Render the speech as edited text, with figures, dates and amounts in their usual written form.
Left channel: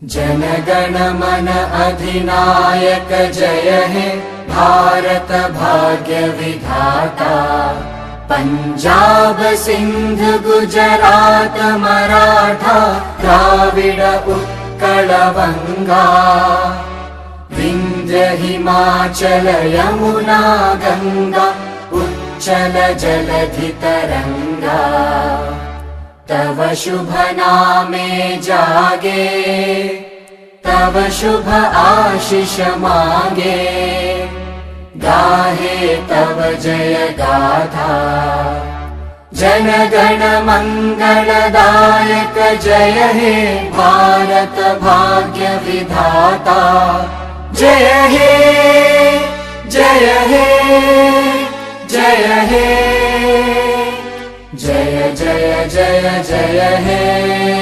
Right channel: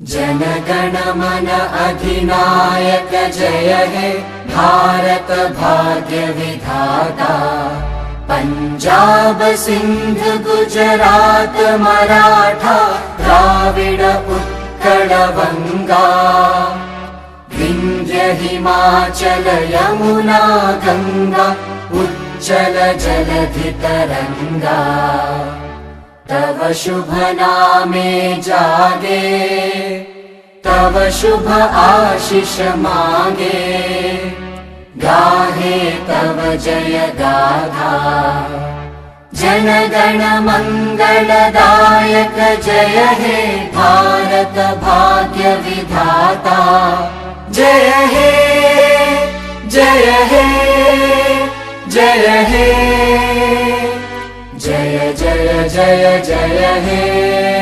जनगण मन अधिनायक जय हे भारत भाग्य विधाता। पंजाब सिंध गुजरात मराठा द्राविड उत्कल बंगा। विंध्य हिमाचल यमुना गंगा उच्चल जलधि तरंगा। तव शुभ नामे जागे तव शुभ आशीष मांगे। गाहे तव जय गाथा जन गण मंगलदायक जय हे भारत भाग्य विधाता। जय हे जय हे जय हे जय जय जय जय हे।